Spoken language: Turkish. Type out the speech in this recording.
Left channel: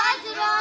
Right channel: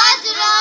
Hazırım.